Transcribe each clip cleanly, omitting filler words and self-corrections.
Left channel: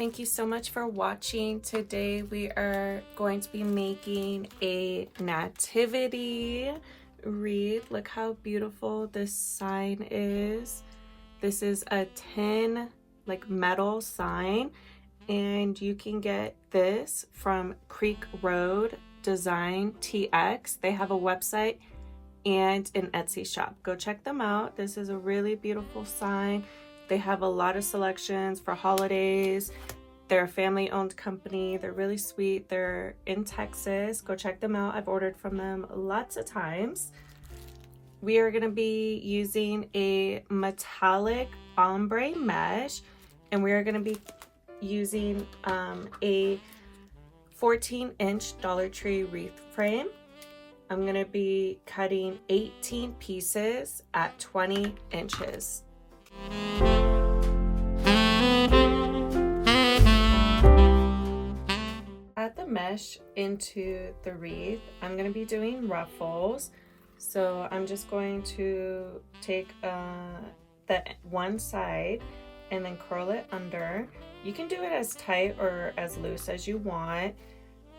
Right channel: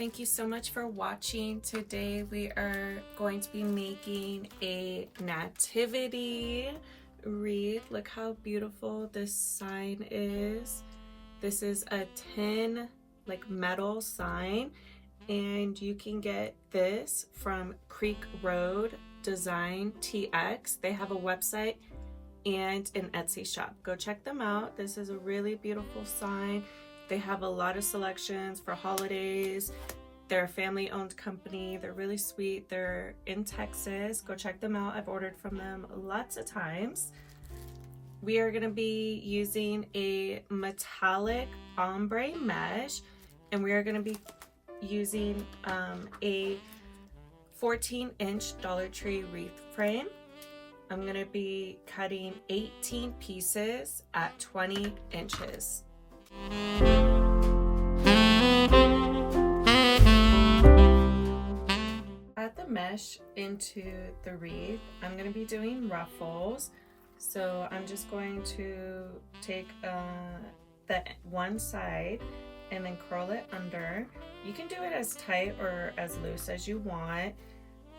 thank you so much for watching. Today we are going to be making a nativity wreath. Look how beautiful this sign is. This is a tin metal sign, and you can get this from Creek Road Design TX. They have a website and an Etsy shop. Go check them out. This is a really beautiful sign. They have a lot of selections for holidays. They're a family-owned company. They're really sweet. They're in Texas. Go check them out. I've ordered from them lots of times. We are going to be using a metallic ombre mesh, and we are going to be using a 14-inch Dollar Tree wreath frame. I'm going to be cutting 18 pieces at 20 inches. Add the mesh into the wreath. I'm going to be doing ruffles, so I'm just going to take the one side and then curl it under. You can do it as tight or as loose as you want.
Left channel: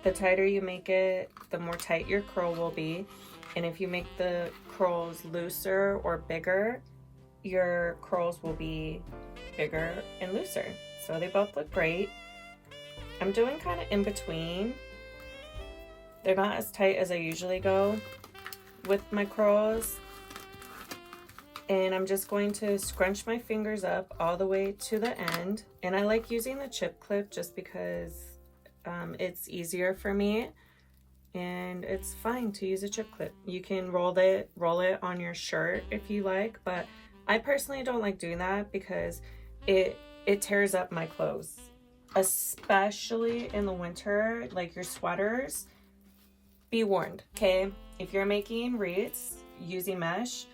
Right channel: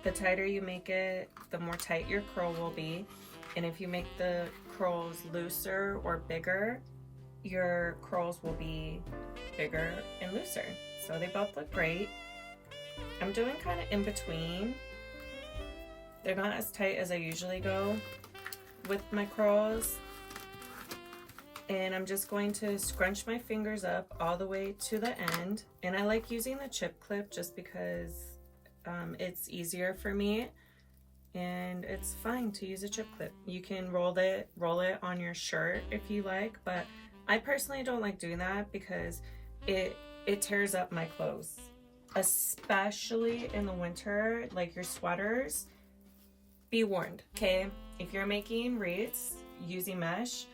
The tighter you make it, the more tight your curl will be, and if you make the curls looser or bigger, your curls will be bigger and looser. So they both look great. I'm doing kind of in between. They're not as tight as I usually go with my curls. And I'm just going to scrunch my fingers up all the way to the end. And I like using the chip clip just because it's easier for me. And it's fine to use a chip clip. You can roll it on your shirt if you like, but I personally don't like doing that because it tears up my clothes, especially in the winter, like your sweaters. Be warned, okay? If you're making wreaths using mesh,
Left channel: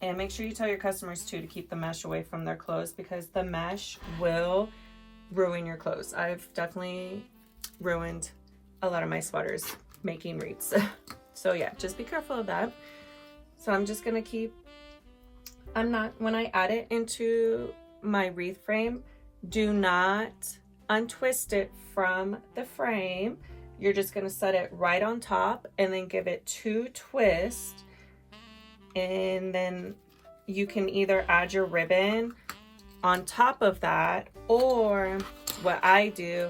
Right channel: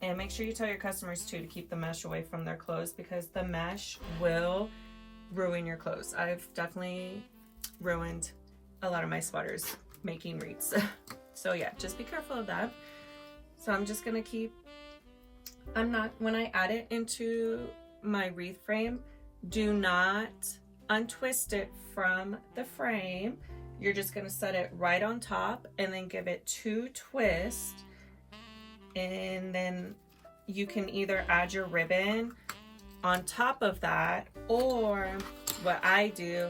and make sure you tell your customers too to keep the mesh away from their clothes, because the mesh will ruin your clothes. I've definitely ruined a lot of my sweaters making wreaths. So yeah, just be careful of that. So I'm just gonna when I add it into my wreath frame, do not untwist it from the frame. You're just gonna set it right on top and then give it 2 twists, and then you can either add your ribbon on top of that, or what I do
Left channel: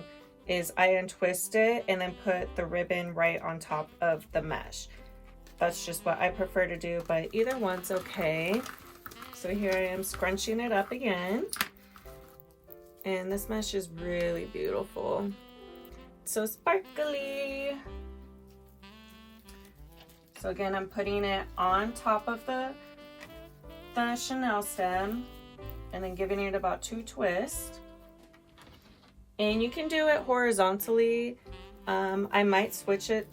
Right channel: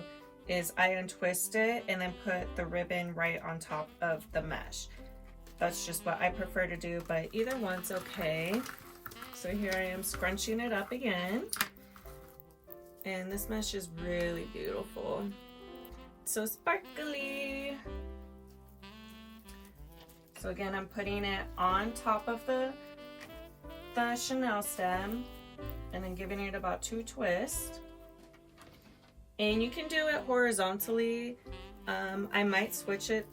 is I untwist it and then put the ribbon right on top of the mesh. That's just what I prefer to do, but either one's okay. So here I am scrunching it up again. And this mesh is really beautiful. So sparkly. So again, I'm putting it on top of the Chanel stem and then giving it about 2 twists. And you can do it horizontally. I might switch it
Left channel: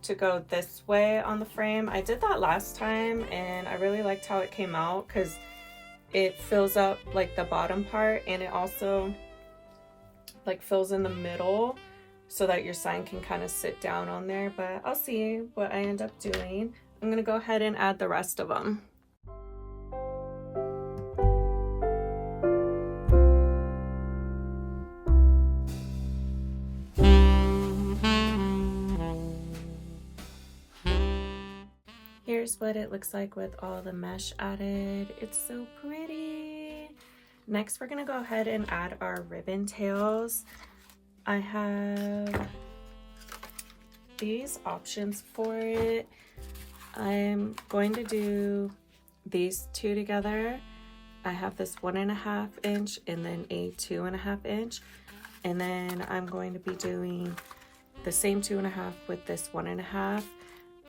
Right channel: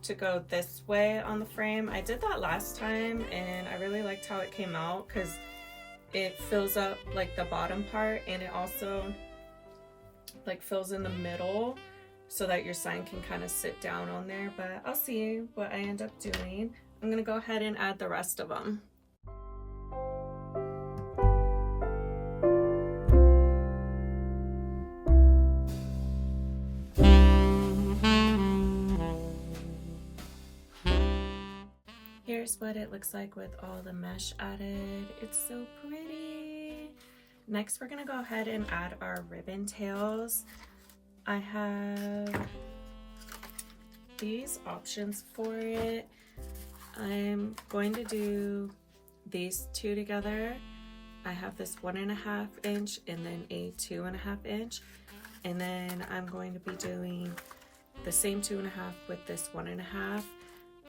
to go this way on the frame. I did that last time and I really liked how it came out because it fills up like the bottom part, and it also like fills in the middle so that your sign can kind of sit down on there. But I'll see what I end up doing. I'm gonna go ahead and add the rest of them. Here's what it looks like with all the mesh added. It's so pretty. Next, we're gonna go ahead and add our ribbon tails. I have these options for it. I'm going to do these 2 together. I have this 1.5 inch and then a 2.5 inch. And then I'm going to be doing the same 2.5 with this 1.5.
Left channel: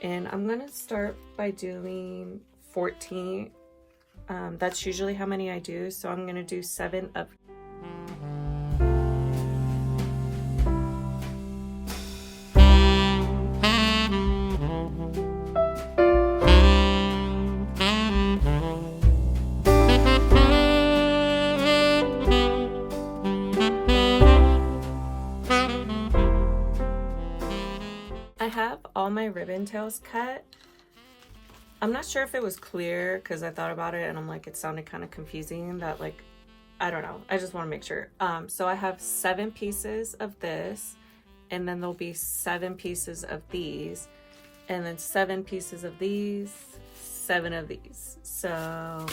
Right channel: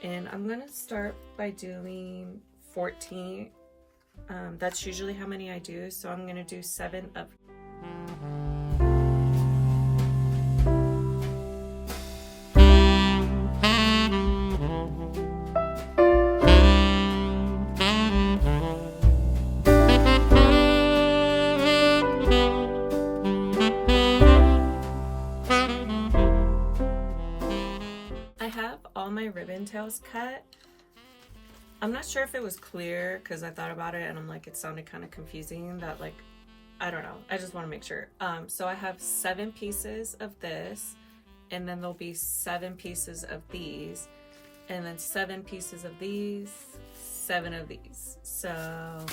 And I'm going to start by doing 14. That's usually how many I do. So I'm going to do 7 of. I have all my ribbon tails cut. I'm not sure if it was clear because I thought about it and I'm like, it sounded kind of confusing that like I don't know. I just want to make sure. So I have 7 pieces of this, and then there'll be 7 pieces of these, and then 7 pieces of these, 7 of these. So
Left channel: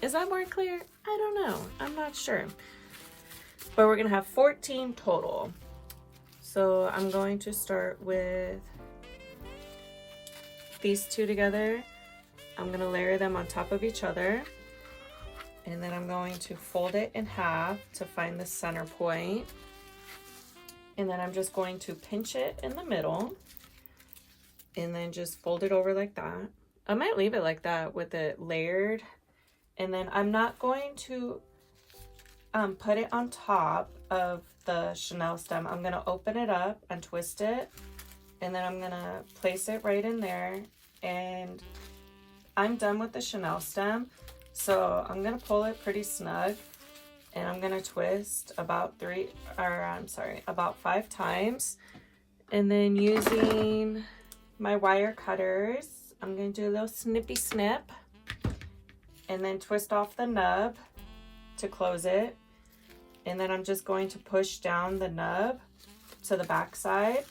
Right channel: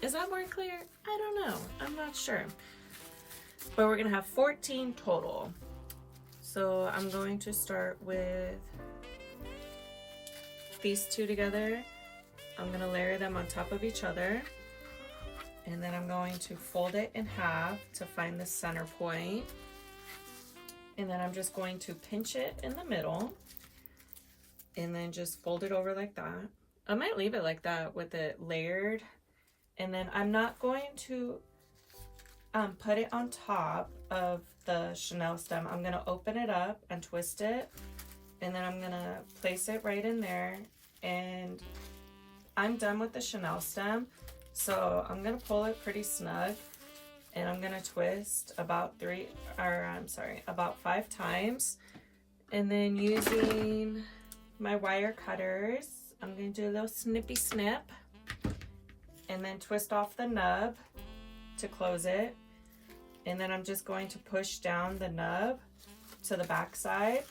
is that more clear? I don't know. I'm not sure. But we're gonna have 14 total. So I'm going to start with these 2 together. I'm gonna layer them on top of each other. And then I'm going to fold it in half to find the center point. And then I'm just going to pinch it in the middle and then just fold it over like that. I might leave it like that with it layered. And then I'm not going to put it on top of the chenille stem. I'm gonna open it up and twist it. And then I'm gonna place it right in there. And I'm done with the chenille stem. So I'm gonna pull it pretty snug, and I'm gonna twist about 5 times. And then using my wire cutters, I'm gonna do a little snippy snip and then twist off the nub to close it. And then I'm just going to push down the nub to the back side.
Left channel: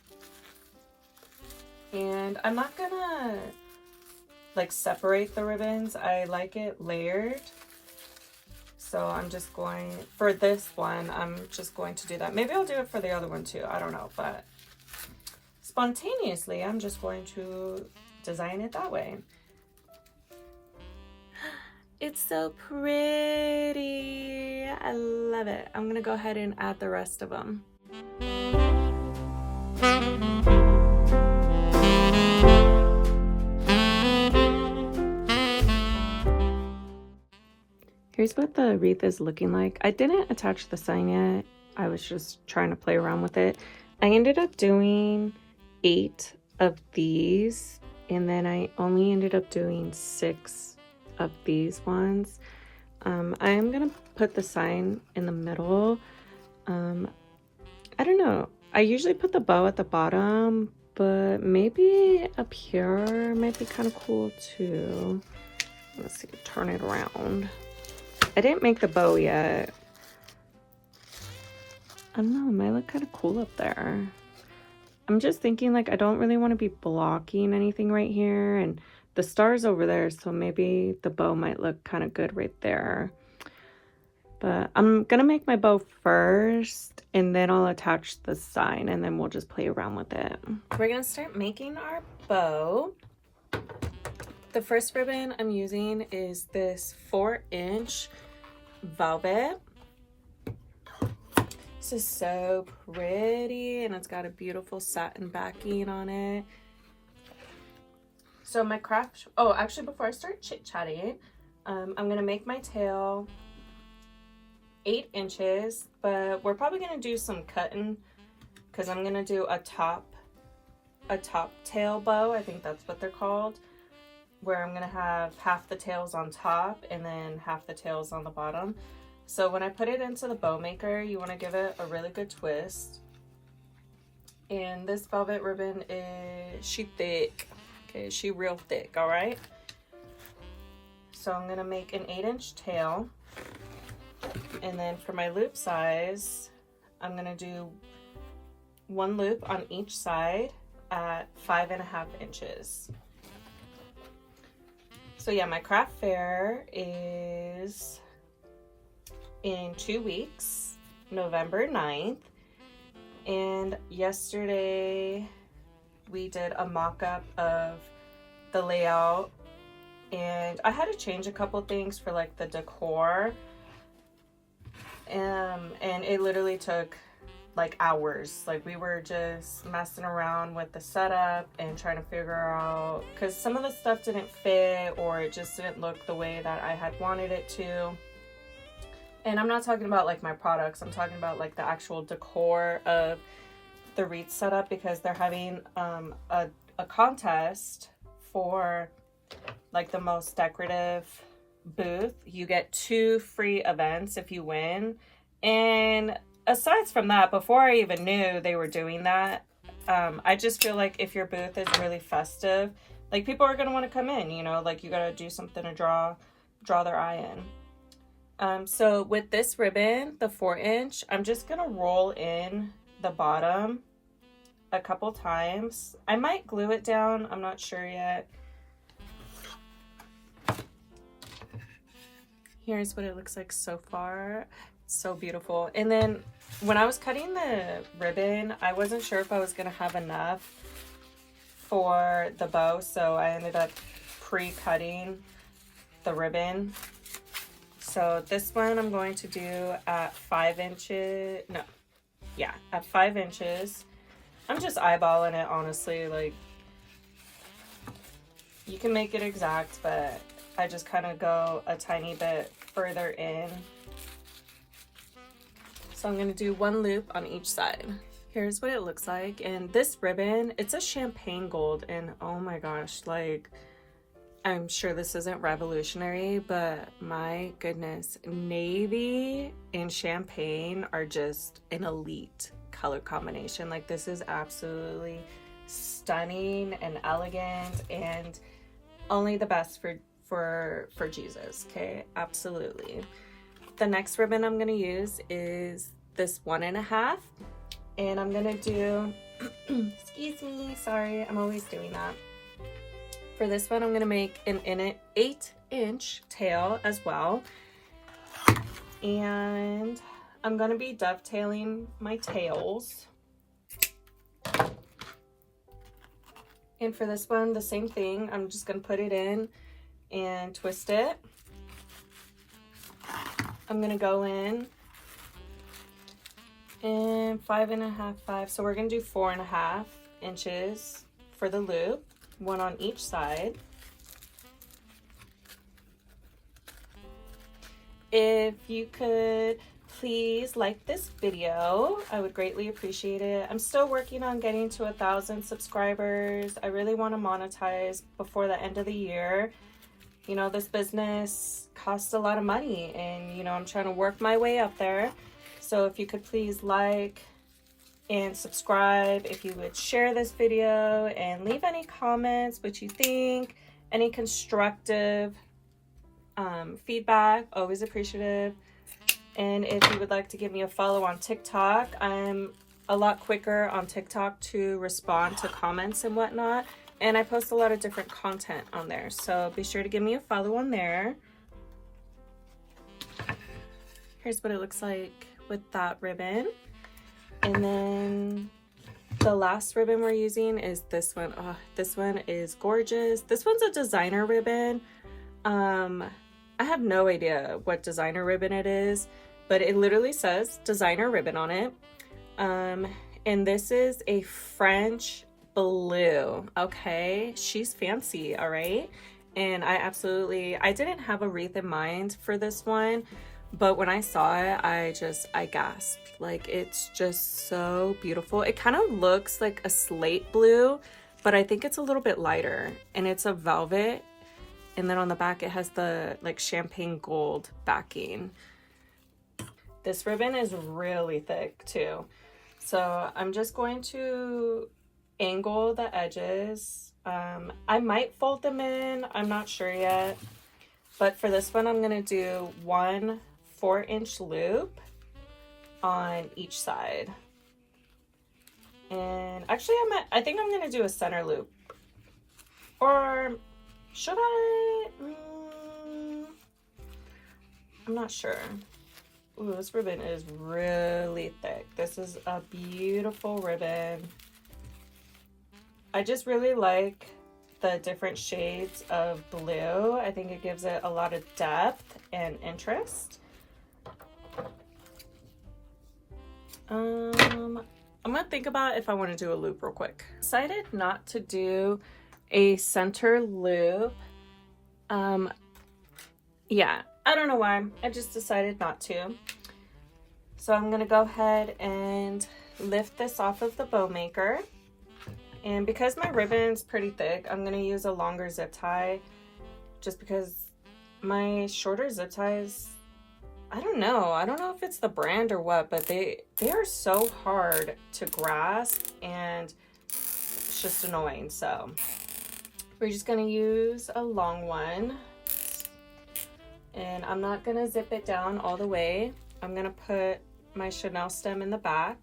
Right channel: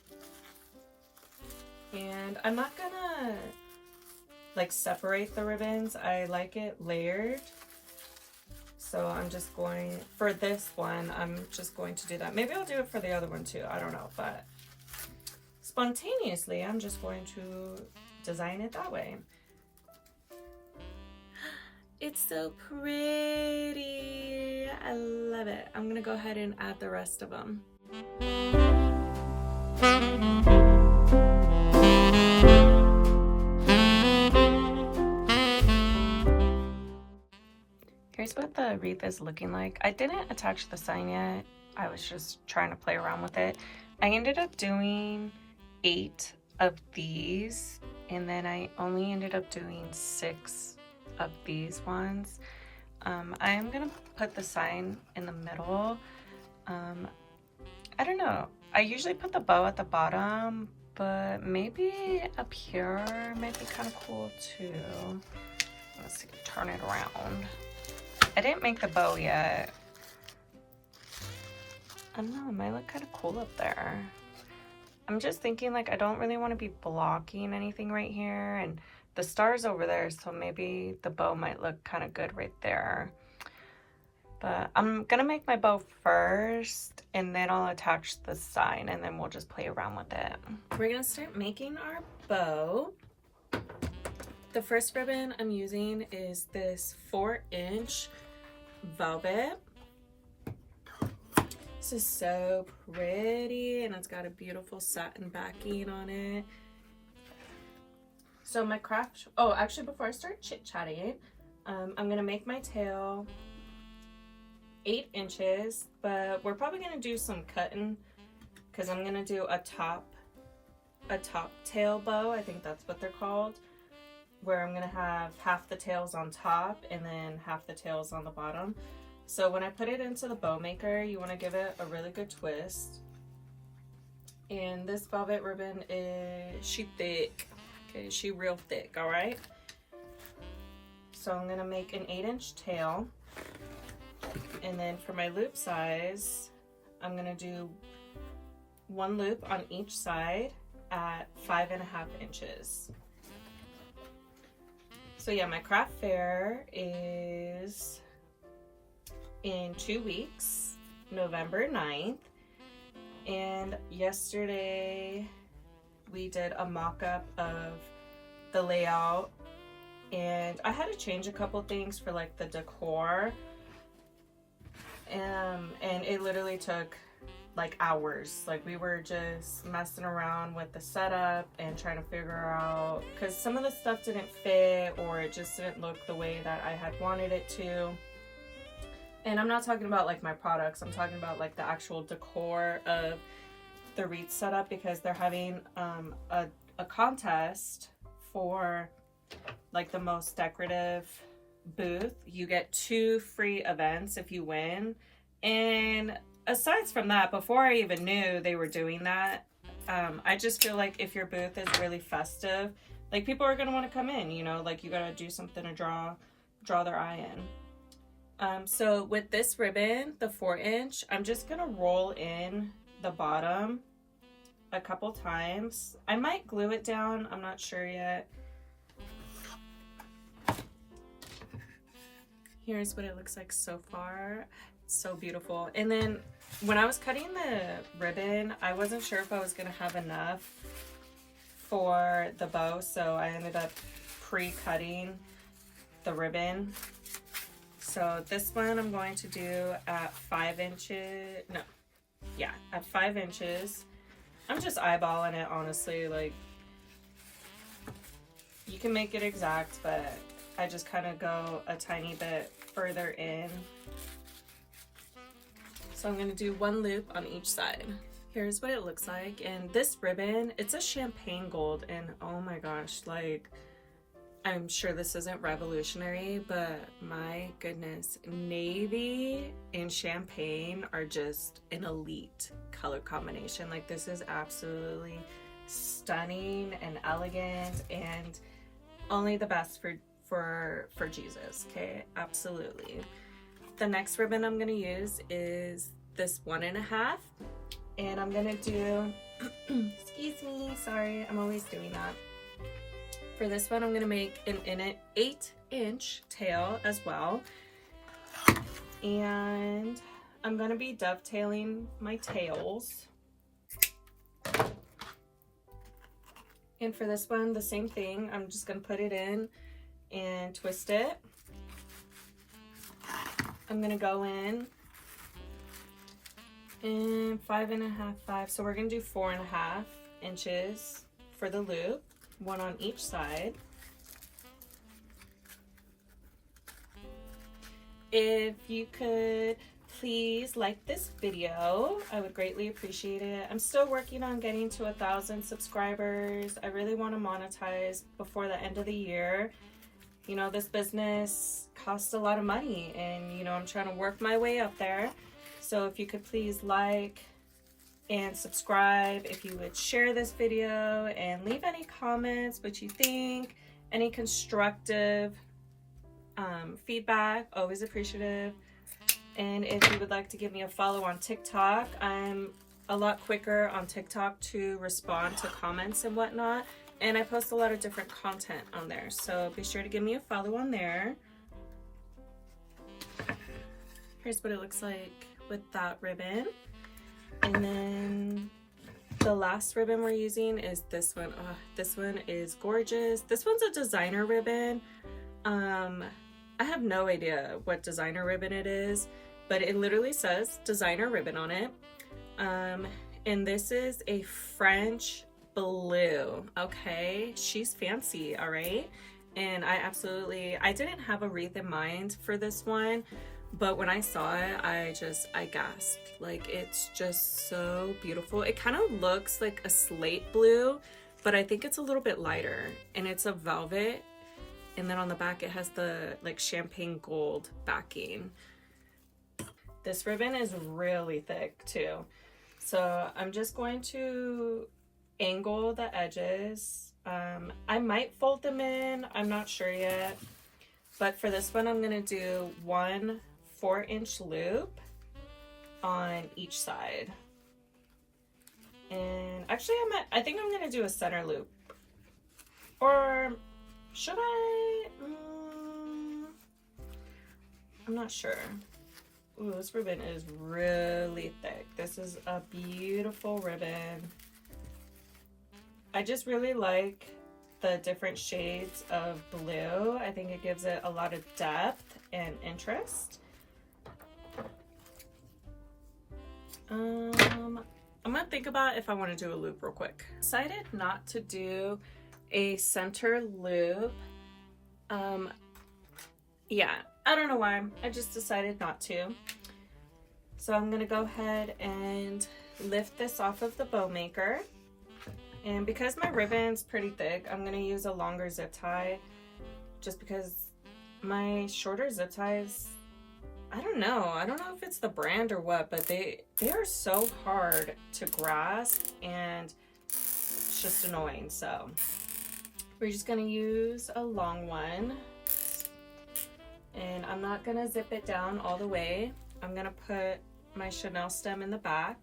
And I'm not gonna like separate the ribbons. I like it layered. So I'm just going, for this one, I'm just going to do that. Maybe I'll do it for the other one too. I don't know, but spontaneously, I'm just going to design it that way. It's so pretty. I love it. I'm gonna go ahead and add the rest of them. Here's what the wreath is looking like. I didn't attach the sign yet. I was just trying to play around with it. I ended up doing 8 of these, and then I only ended up doing 6 of these ones. I am gonna put the sign in the middle. I don't know. I usually put the bow at the bottom, but maybe up here might be kind of cool too. Let's see, turn it around. I didn't make the bow yet. I don't know, it might look kind of cool up there. I'm just thinking like I don't really want to be blocking anything right here, and the star's over there, so maybe the bow might look kind of good right there. But I'm gonna make my bow first, and then I'll attach the sign, and then we'll just play around with it. We're gonna start making our bow. The first ribbon I'm using is this 4-inch velvet. This is so pretty, and it's got a beautiful satin backing on it. So my craft, oh, actually before I start chit-chatting, I'm gonna make my tail 8 inches, but we're probably gonna do some cutting because I'm gonna do a top tail bow. I think that's what they're called, where I'm gonna have half the tails on top and then half the tails on the bottom. So when I put it into the bow maker, you want to give it a really good twist. And this velvet ribbon she thick. Okay, she real thick, all right? So I'm gonna make an 8-inch tail. And then for my loop size, I'm gonna do 1 loop on each side at 5.5 inches. So yeah, my craft fair is in 2 weeks, November 9th. And yesterday we did a mock-up of the layout, and I had to change a couple things for like the decor. And it literally took like hours. Like we were just messing around with the setup and trying to figure out, because some of the stuff didn't fit or it just didn't look the way that I had wanted it to. And I'm not talking about like my products, I'm talking about like the actual decor of the Wreath setup, because they're having a contest for like the most decorative booth. You get 2 free events if you win. And aside from that, before I even knew they were doing that, I just feel like if your booth is really festive, like people are going to want to come in, you know, like you got to do something to draw their eye in. So with this ribbon, the 4-inch, I'm just gonna roll in the bottom a couple times. I might glue it down, I'm not sure yet. Here's what it looks like so far. It's so beautiful. And then when I was cutting the ribbon, I wasn't sure if I was gonna have enough for the bow, so I ended up pre-cutting the ribbon. So this one I'm going to do at 5 inches, no, yeah, at 5 inches. I'm just eyeballing it, honestly. Like, you can make it exact, but I just kind of go a tiny bit further in. So I'm going to do 1 loop on each side. Here's what it looks like. And this ribbon, it's a champagne gold, and oh my gosh, like, I'm sure this isn't revolutionary, but my goodness, navy and champagne are just an elite color combination. Like, this is absolutely stunning and elegant, and only the best for Jesus. Okay, absolutely. The next ribbon I'm going to use is this 1.5, and I'm going to do excuse me, sorry, I'm always doing that. For this one, I'm going to make an 8-inch tail as well. And I'm going to be dovetailing my tails. And for this one, the same thing. I'm just going to put it in and twist it. I'm going to go in and 5.5, 5. So we're going to do 4.5 inches for the loop. 1 on each side. If you could please like this video, I would greatly appreciate it. I'm still working on getting to 1,000 subscribers. I really want to monetize before the end of the year. You know, this business costs a lot of money, and you know, I'm trying to work my way up there. So if you could please like and subscribe, if you would share this video and leave any comments, what you think, any constructive feedback, always appreciative. And if you would like to give me a follow on TikTok, I'm a lot quicker on TikTok to respond to comments and whatnot, and I post a lot of different content on there, so be sure to give me a follow on there. Here's what it looks like with that ribbon. And then the last ribbon we're using is this one. Oh, this one is gorgeous. This one's a designer ribbon. I have no idea what designer ribbon it is, but it literally says designer ribbon on it. And this is a French blue. Okay, she's fancy, all right? And I didn't have a wreath in mind for this one, but when I saw it, I gasped. Like, it's just so beautiful. It kind of looks like a slate blue, but I think it's a little bit lighter, and it's a velvet. And then on the back, it has the like champagne gold backing. This ribbon is really thick too. So I'm just going to angle the edges. I might fold them in, I'm not sure yet. But for this one, I'm gonna do 1 4-inch loop on each side. And actually I think I'm gonna do a center loop. Or should I? I'm not sure. Ooh, this ribbon is really thick. This is a beautiful ribbon. I just really like the different shades of blue. I think it gives it a lot of depth and interest. I'm gonna think about if I want to do a loop real quick. Decided not to do a center loop. Yeah, I don't know why. I just decided not to. So I'm gonna go ahead and lift this off of the bow maker. And because my ribbon's pretty thick, I'm gonna use a longer zip tie, just because my shorter zip ties, I don't know if it's the brand or what, but they are so hard to grasp, and it's just annoying. So we're just gonna use a long one, And I'm not gonna zip it down all the way. I'm gonna put my Chanel stem in the back.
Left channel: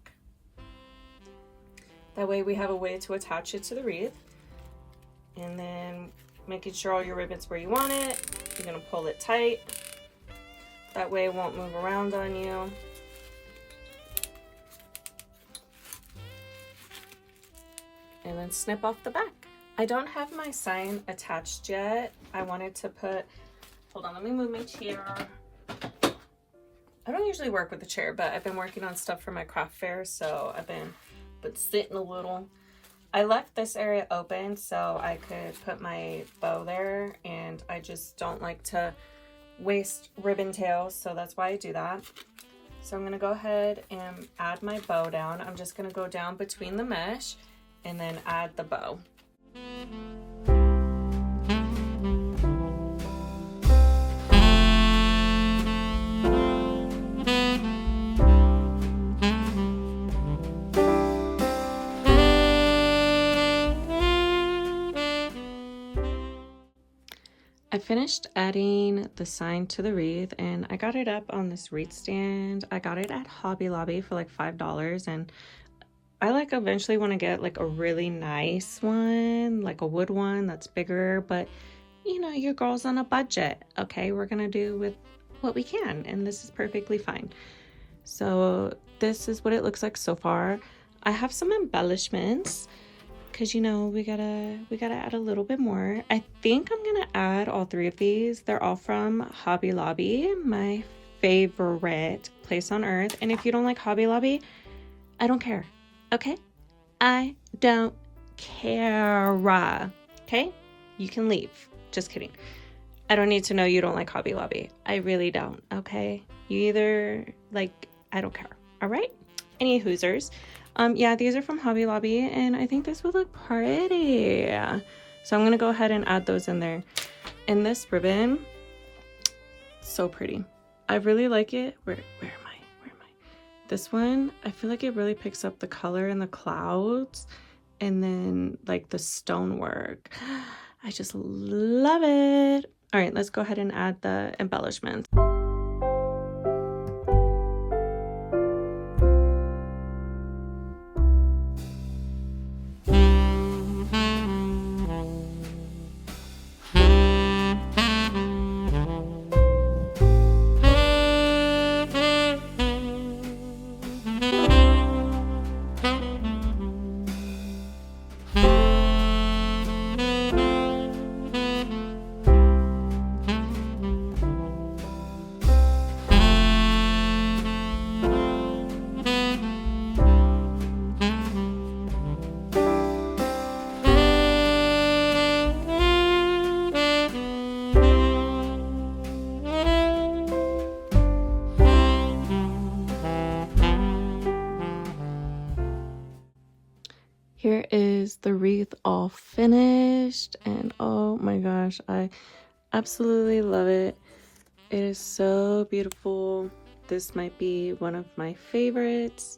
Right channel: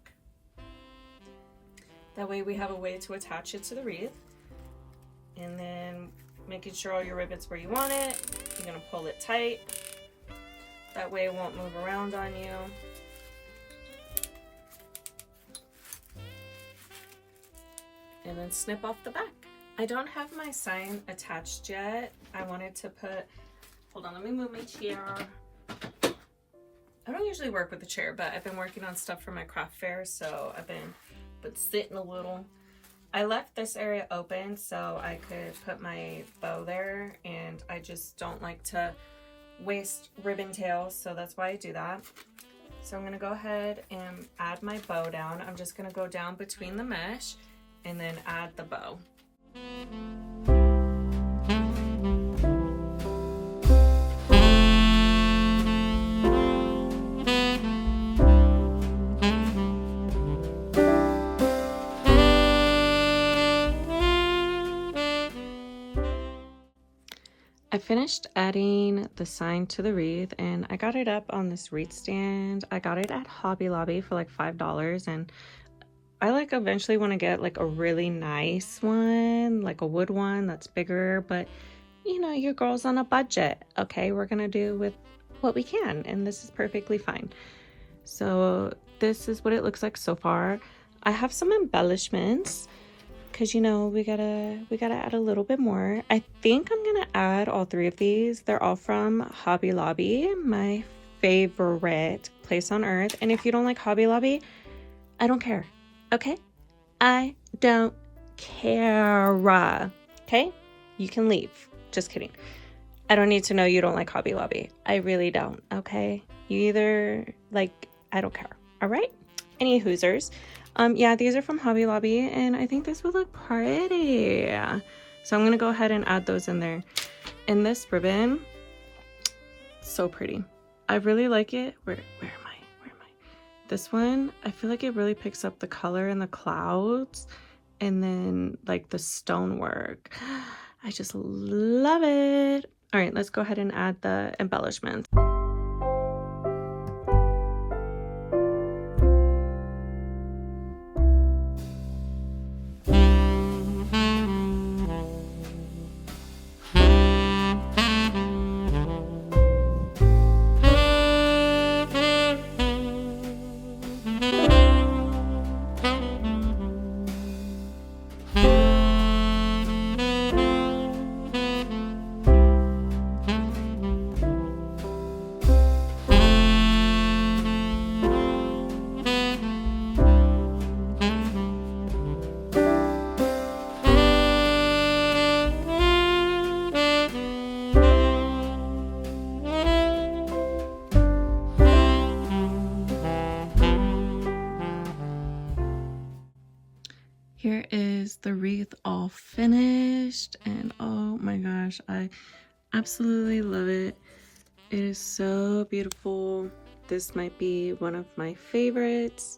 That way we have a way to attach it to the wreath. And then making sure all your ribbon's where you want it. You're gonna pull it tight. That way it won't move around on you. And then snip off the back. I don't have my sign attached yet. I wanted to put, hold on, let me move my chair. I don't usually work with the chair, but I've been working on stuff for my craft fair, so I've been sitting a little. I left this area open so I could put my bow there, and I just don't like to waste ribbon tails, so that's why I do that. So I'm gonna go ahead and add my bow down. I'm just gonna go down between the mesh and then add the bow. I finished adding the sign to the wreath, and I got it up on this wreath stand. I got it at Hobby Lobby for like $5, and I like eventually want to get like a really nice one, like a wood one that's bigger, but you know, your girl's on a budget. Okay, we're gonna do with what we can, and this is perfectly fine. So this is what it looks like so far. I have some embellishments because, you know, we gotta add a little bit more. I think I'm gonna add all 3 of these. They're all from Hobby Lobby, my favorite place on earth. And if you don't like Hobby Lobby, I don't care. Okay, I don't care. Okay, you can leave. Just kidding. I don't need to know you don't like Hobby Lobby. I really don't. Okay, you either like, I don't care. All right, any hoosers. Yeah, these are from Hobby Lobby, and I think this would look pretty. So I'm gonna go ahead and add those in there. And this ribbon, so pretty. I really like it. Where am I? This one, I feel like it really picks up the color in the clouds and then like the stonework. I just love it. All right, let's go ahead and add the embellishments. Here is the wreath all finished, and oh my gosh, I absolutely love it. It is so beautiful. This might be one of my favorites.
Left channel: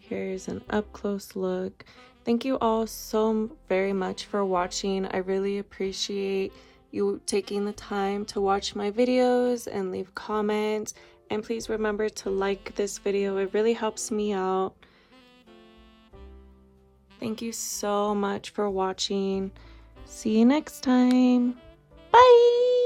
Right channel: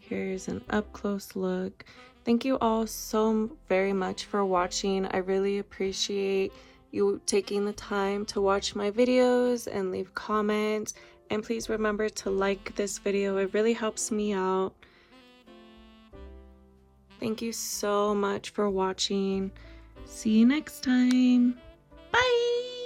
Here's an up-close look. Thank you all so very much for watching. I really appreciate you taking the time to watch my videos and leave comments. And please remember to like this video. It really helps me out. Thank you so much for watching. See you next time. Bye!